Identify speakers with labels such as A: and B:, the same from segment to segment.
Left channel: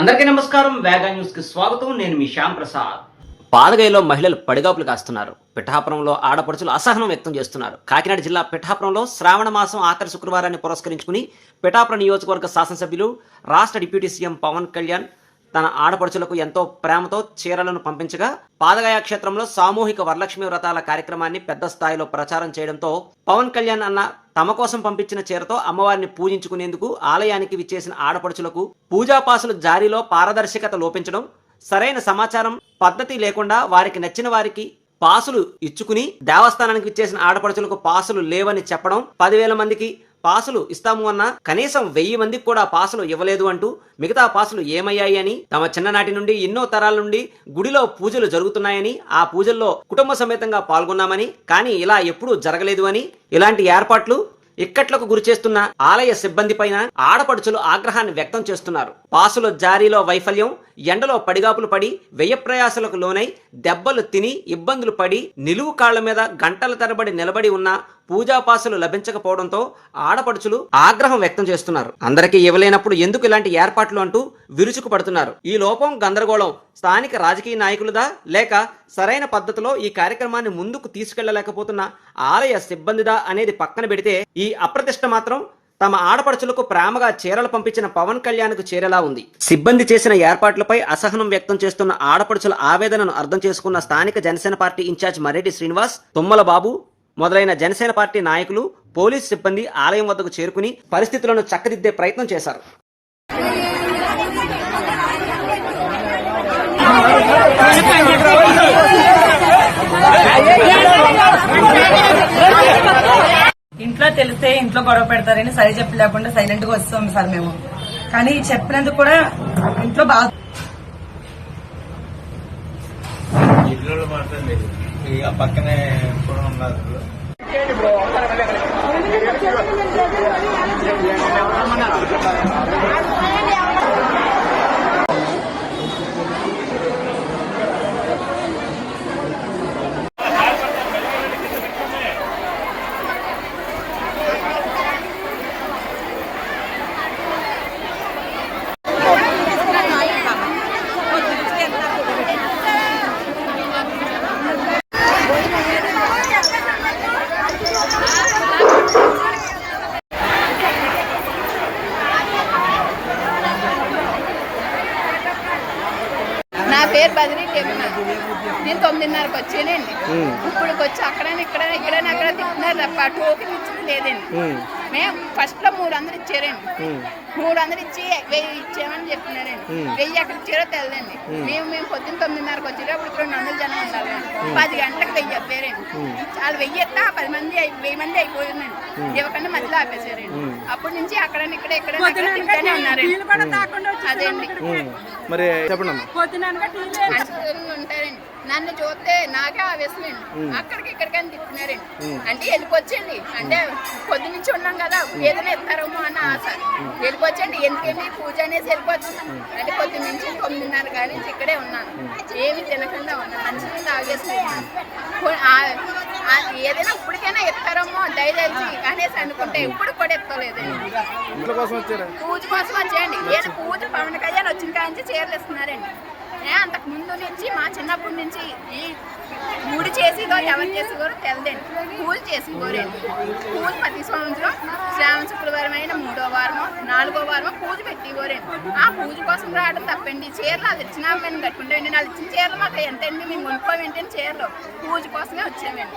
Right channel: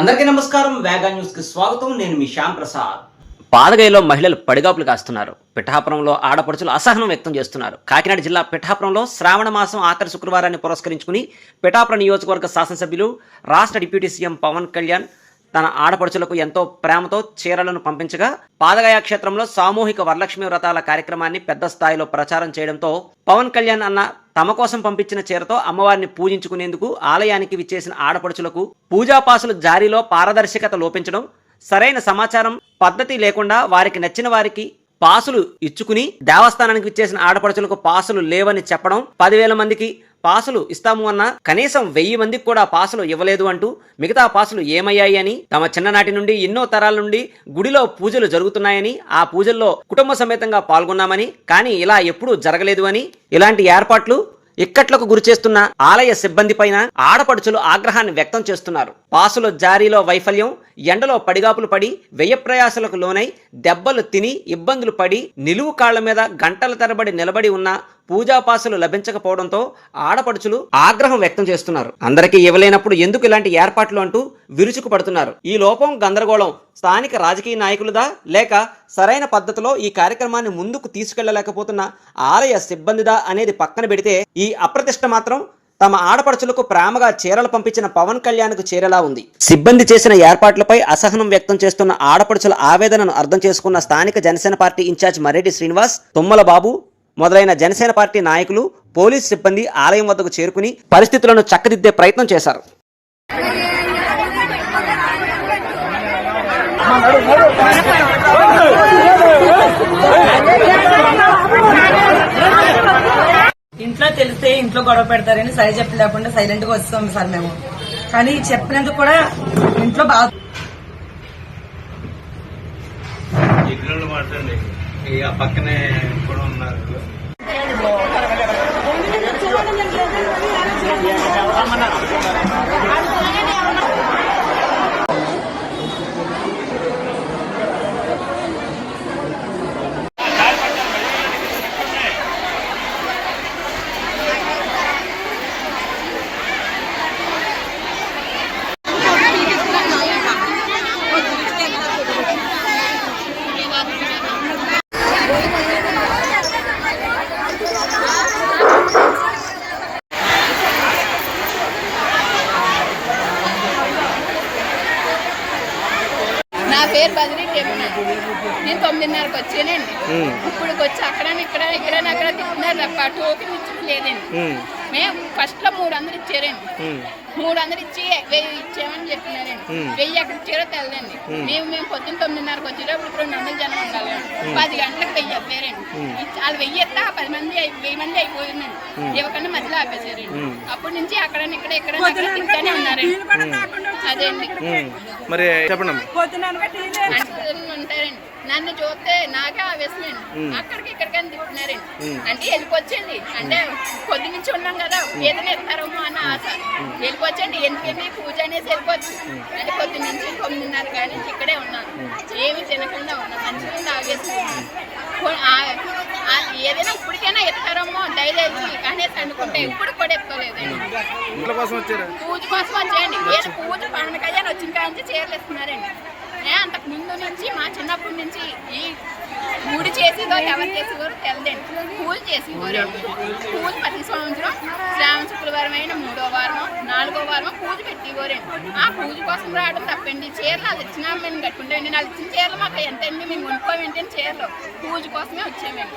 A: అందరికీ నమస్కారం. వేగా న్యూస్కి స్వాగతం. నేను మీ శ్యామ్ ప్రసాద్.
B: పాడగైలో మహిళలు పడిగాపులు కాస్తున్నారు. పిఠాపురంలో ఆడపడుచులు అసహనం వ్యక్తం చేస్తున్నారు. కాకినాడ జిల్లా పిఠాపురంలో శ్రావణ మాసం ఆఖరి శుక్రవారాన్ని పురస్కరించుకుని పిఠాపురం నియోజకవర్గ శాసనసభ్యులు రాష్ట్ర డిప్యూటీ సీఎం పవన్ కళ్యాణ్ తన ఆడపడుచులకు ఎంతో ప్రేమతో చీరలను పంపించగా పాదగాయ క్షేత్రంలో సామూహిక వరలక్ష్మి వ్రతాల కార్యక్రమాన్ని పెద్ద స్థాయిలో ప్రచారం చేయడంతో పవన్ కళ్యాణ్ అన్న తమ కోసం పంపించిన చీరతో అమ్మవారిని పూజించుకునేందుకు ఆలయానికి విచ్చేసిన ఆడపడుచులకు పూజాపాసులు జారీలో పారదర్శకత లోపించడం సరైన సమాచారం పద్ధతి లేకుండా వారికి నచ్చిన వారికి పాసులు ఇచ్చుకుని దేవస్థానానికి విచ్చేసిన ఆడపడుచులకు పాసులు లేవని చెప్పడం పదివేల మందికి పాసులు ఇస్తాము అన్న కనీసం వెయ్యి మందికి కూడా పాసులు ఇవ్వలేదు అంటూ మిగతా పాసులు ఏమయ్యాయి అని తమ చిన్ననాటి నుండి ఎన్నో తరాల నుండి గుడిలో పూజలు జరుగుతున్నాయని ఆ పూజల్లో కుటుంబ సమేతంగా పాల్గొన్నామని కానీ ఇలా ఎప్పుడూ జరగలేదు అని ఇలాంటి ఏర్పాట్లు ఇక్కట్లకు గురిచేస్తున్న ఆలయ సిబ్బంది పైన ఆడపడుచులు ఆగ్రహాన్ని వ్యక్తం చేస్తున్నారు. పాసుల జారీలో వైఫల్యం ఎండలో పడిగాపులు పడి వ్యయప్రయాసలకు లోనై దెబ్బలు తిని ఇబ్బందులు పడి నిలువు కాళ్ళ మీద గంటల తరబడి నిలబడి ఉన్న పూజాపాసలు లభించకపోవడంతో ఆడపడుచులు ఆగ్రహం వ్యక్తం చేస్తున్నారు. అందరికీ ఇవ్వలేనప్పుడు ఎందుకు ఇలాంటి ఏర్పాట్లు అంటూ విరుచుకు పడుతున్నారు ఈ లోపం గందరగోళం స్థానిక రాజకీయ నాయకులదా? లేక సరైన పద్ధతిలో ఈ కార్యక్రమాన్ని ముందుకు తీసుకెళ్ళలేకపోతున్న ఆలయ సిబ్బందిదా అనేది పక్కన పెడితే ఈ అప్రతిష్ట మాత్రం తమ ఆడపడుచులకు ప్రేమగా చీరలు పంపించిన పవన్ కళ్యాణ్కు చేరేలా ఉంది. సిబ్బంది చేసిన ఏర్పాట్లపై అసహనం వ్యక్తం చేస్తున్న ఆడపడుచుల ఆవేదనను అర్థం చేసుకున్న స్థానిక Janasena party in charge Mareddy Srinivas Tummala Babu మొదలైన జనసేన పార్టీ నాయకులు పోలీస్ సిబ్బంది ఆలయం వద్దకు చేరుకుని పరిస్థితులను చక్కదిద్దే ప్రయత్నం చేశారు.
C: తెలిస్తే ఇంట్లో గొడవ పెడతారని సరి చెప్పి లేకుండా సైలెంట్గా వస్తాం సార్ మేము. కానీ చెప్పినందుకు కూడా ఇంట్లో బాగా
D: పక్కనే కూడా ఉన్నారు.
E: పేరు బదిలీ టెమ్న నేను తొమ్మిదిన్నరకు వచ్చానండి. ఇప్పుడు వచ్చి అక్కడ ఇక్కడ ఇక్కడ అక్కడ తిప్పుతున్నారు తప్ప టోకెన్ ఇచ్చింది లేదండి. మేము ఫస్ట్లో మూడు వందలు ఇచ్చారండి. మూడు వందలు ఇచ్చి వెయ్యి ఇచ్చామని చెప్తున్నారండి వెయ్యి ఎక్కడ ఇచ్చారో తెలదండి. మేము. మేము పొద్దున్న తొమ్మిదిన్నరకు వచ్చేటప్పుడు ఇప్పుడు రెండు వందల జనం ఉండాలి పది గంటలకు వెయ్యి చెప్పారండి ఇచ్చి- వాళ్ళు వెయ్యి ఎత్తా పది మంది వెయ్యి మంది అయిపోయిందండి. ఇవ్వకుండా మధ్యలో ఆపేశారండి. అప్పటి నుంచి అక్కడ ఇక్కడ ఇక్కడ అక్కడ తింటానే ఉన్నారండి. అదేండి
D: మరి చెప్పండి
E: ఉంటారండి. నన్ను చూస్తే నాకే ఆవేశమండి. అక్కడికి ఇక్కడికని తిప్పుతున్నారండి. అంటే వెళ్ళిపోవచ్చండి. అంటే పొద్దు నుంచి ఉన్నాం కదా ఏదైనా ఇస్తారేమో అన్న ఆశ. వెళ్ళిపోవచ్చండి ఎందుకండి పూజ అనేది వెళ్ళిపోవచ్చు అంటే పొద్దు నుంచి తొమ్మిదిన్నర కాడి నుంచి ఇక్కడే ఉన్నాను. ఏమి తినకుండా ఉన్నాను. మంచిగా ఆ ఏదైనా ఇప్పటికైనా ఎత్తారేమో దయచేసి అనేసి అనుకుంటే ఇప్పుడు కూడా ఎత్తలేదండి పూజ కోసం వచ్చేయండి. ఏదో పూజ పవన్ కళ్యాణ్ వచ్చిన కాంచి చీరలు ఇస్తున్నారండి. అంతకు ముందు నుంచి మా చిన్నప్పటి నుంచి ఈ గుడి చేసేదో ఎవరు చేసేవారో తెలదండి. పూజ చేసేవారండి పూజ ప్రతి సంవత్సరం శ్రావణ శుక్రవారం అయిన మూడో వారమో నాలుగో వారమో పూజ పెట్టేవారండి ఆ పూజ కోసం రావడం తప్పండి. చీరలు అది ఇచ్చినా మేము కట్టుకుంటామండి వాళ్ళు ఇచ్చిన చీరలు మాకు ఎంతండి? మేము కొనుక్కోవేంటి చీరలు. పూజ కోసమే వచ్చామండి.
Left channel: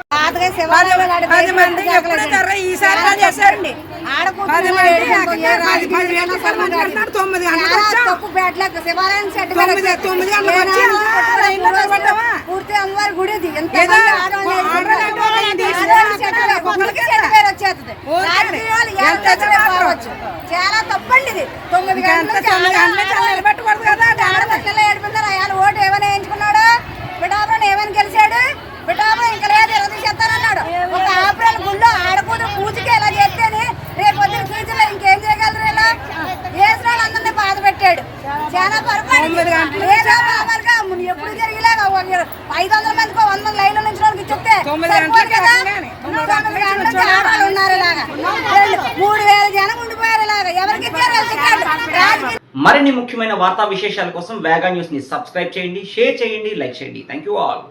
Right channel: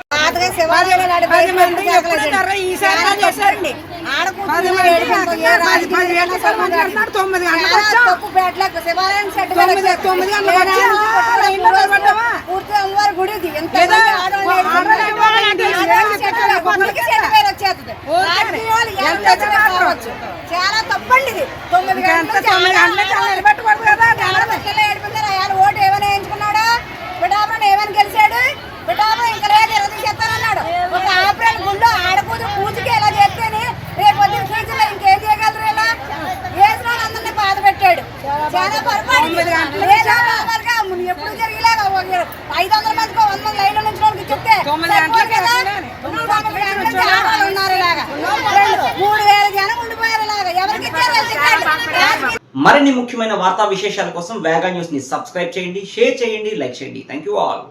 C: పది మంది ఎప్పుడు జరగ ఈసారి చేశారండి తొమ్మిది తొమ్మిది తొమ్మిది
F: పూర్తి అమ్మవారి గుడి ఇది ఎంత
C: ఏదో
F: మంది ఆడవాళ్ళు
C: ఆడవాళ్ళు
F: ఏడుకుంటారు.
C: ఏంటి?
F: ఐదు వందల మందికి వంద మంది లైన్లో నుంచి వాళ్ళకి చెప్తే ఉన్నారు ఇలాగా. మూడు వేల జనం ఉండిపోయారు ఇలాగా. ఎవరికి ఇచ్చారు
B: మరిన్ని ముఖ్యమైన వార్తా విశేషాల కోసం వేగా న్యూస్ని సబ్స్క్రైబ్ చేయండి షేర్ చేయండి లైక్ చేయండి. Thank you all